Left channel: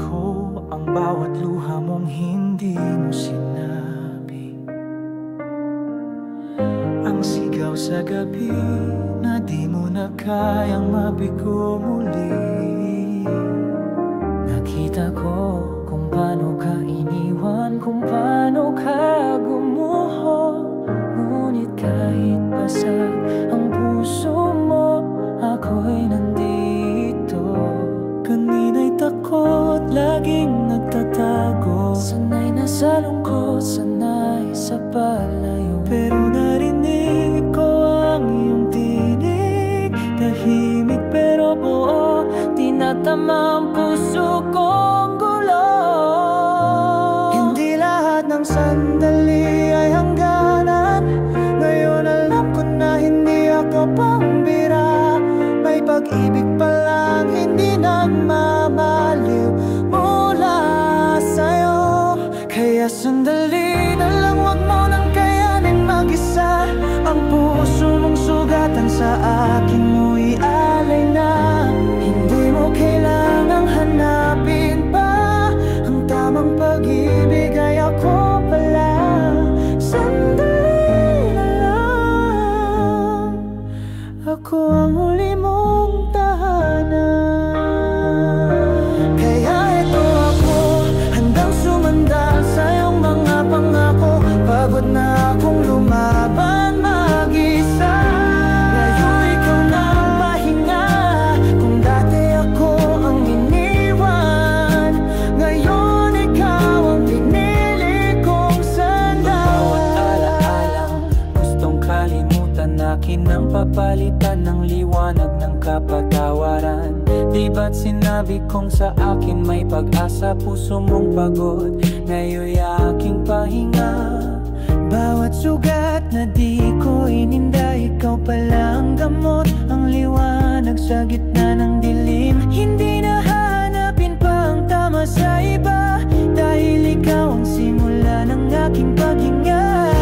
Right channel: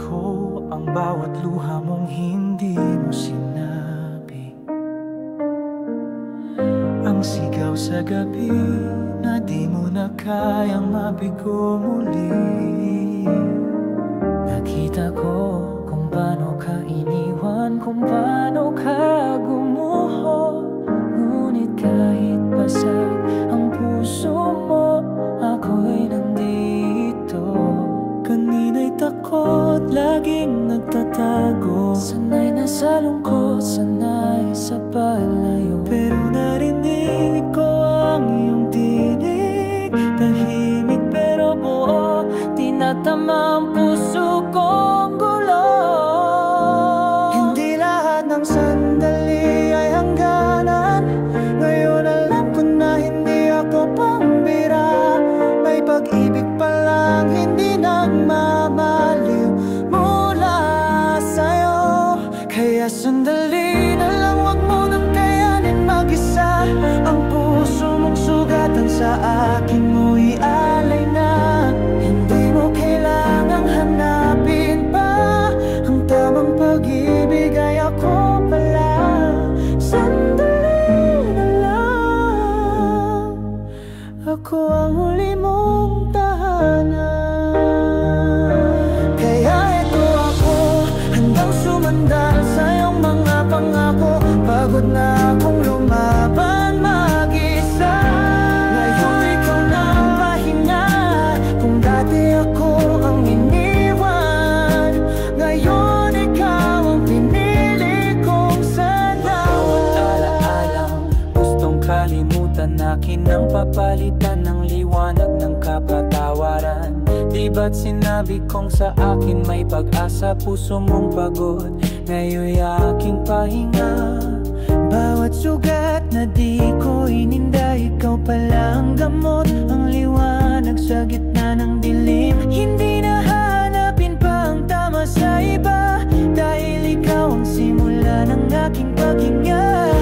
ko ang bawat luha mong hindi mo sinabi. Ang sigaw sa gabi na di mo na kayang mabigo muli. Nakita ko kung paano ka iniwan, kung paano ka gumuho. Ngunit kahit basag ang puso mo, ako'y nandito. Kanina'y takot, laging nagtatago. Sanay na sa lungkot, sanay sa palayo. Pero narinig ko ang iyong tinig. Tahimik pero buo, tinatama ang puso kong gulo. Hindi lahat ng sandali ay hangganan. Ngayon alam ko na hindi ako pambira. May pag-ibig pa lang hindi nagmamaliw mula sa'yo. Kaya sandali na lang, wag mo nang kayanin mag-isa. Ang puso mong sugatan sa akin mo ialay na. Hindi mo kailangang hanapin pa. Ang tamang pag-ibig ay ako pala. Sandali na lang, ako ang huli mong tahanan. Kaya eto ako, handang sumandal sa iyong mga pangako. Pagod na akong lumaban mag-isa. Ngayon ikaw na ang pahinga. Kung dati ako ang iniwan, ngayon ikaw ang pinili kong sandal. Bawat alaalang gustong kalimutan, akin ang papalitan ng liwanag ng kapatawaran. Di ba't sinabi kong sa akin may pag-asa, puso mong pagod, ngayon'y aking pahinga. Bawat sugat na di ko ininda, ikaw pala ang gamot, ang liwanag sa gitna ng dilim. Hindi na hahanapin pa ang tama sa iba, dahil ikaw ang simula ng aking paghinga.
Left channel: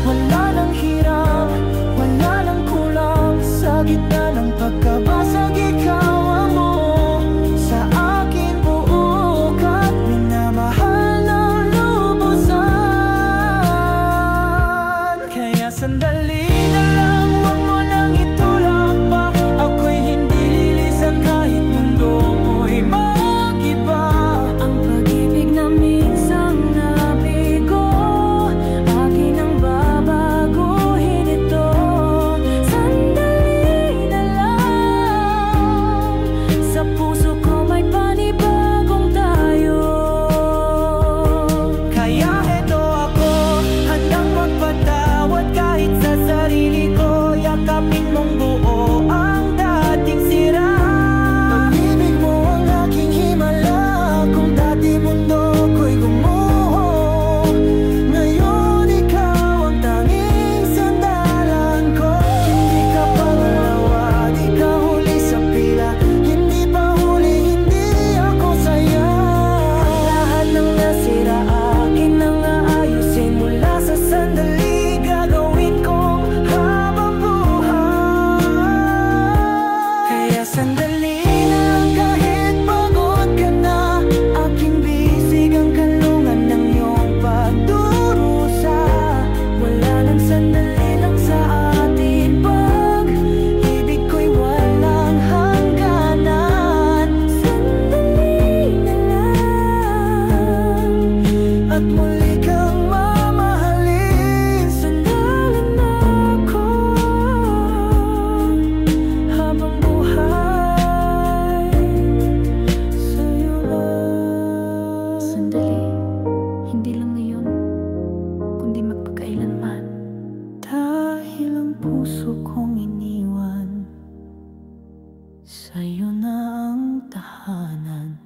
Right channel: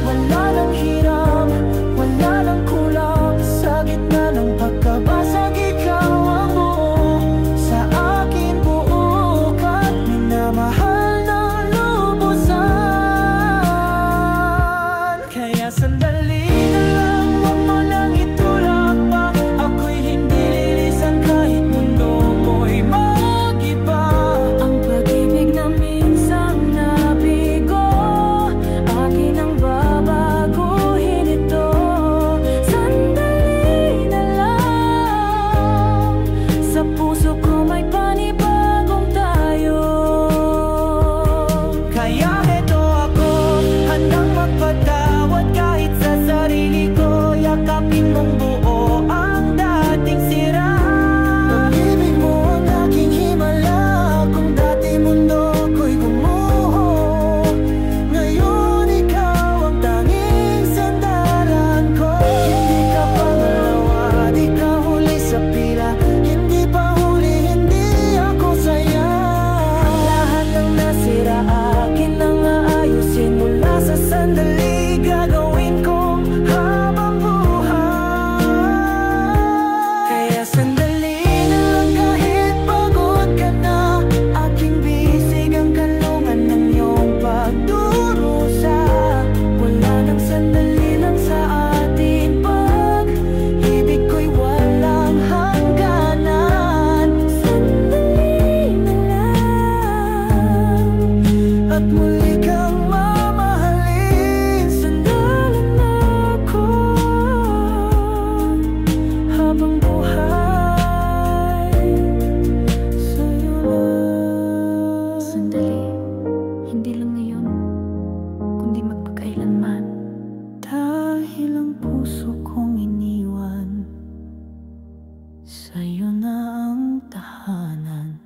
Wala nang hiram, wala nang kulang, sa gitna ng pagkabasag ikaw ang buo. Sa akin buo ka't minamahal ng lubusan. Kaya sandali na lang, wag mo nang itulak pa. Ako'y hindi lilisan kahit mundo mo'y mag-iba. Ang pag-ibig na minsang nabigo, akin ang babaguhin ito. Sandali na lang, sa puso ko may panibagong tayo. Kaya heto ako, handang magpatawad kahit sa sarili ko. Yakapin mong buo ang dating sira. Pag-ibig mo ang aking himala. Kung dati mundo ko'y gumuho, ngayon ikaw ang tanging sandalan ko. Hindi ka pangalawa, di ka huli sa pila. Hindi pa huli, hindi ako saya. At lahat ng nasira akin ang aayusin. Mula sa sandali gagawin kong habang buhay. Kaya sandali na lang kahit pagod ka na, aking bisig ang kanlungan ng iyong pagdurusa. Wala nang sandali lang sa atin, pag-ibig ko'y walang hangganan. Sandali na lang, at muli kang mamahalin. Sandalan ako habang buhay, sa'yo lang. Sandali, hindi lang ngayon, kundi magpakailanman. Dahil ang puso kong iniwan, sa'yo na ang tahanan.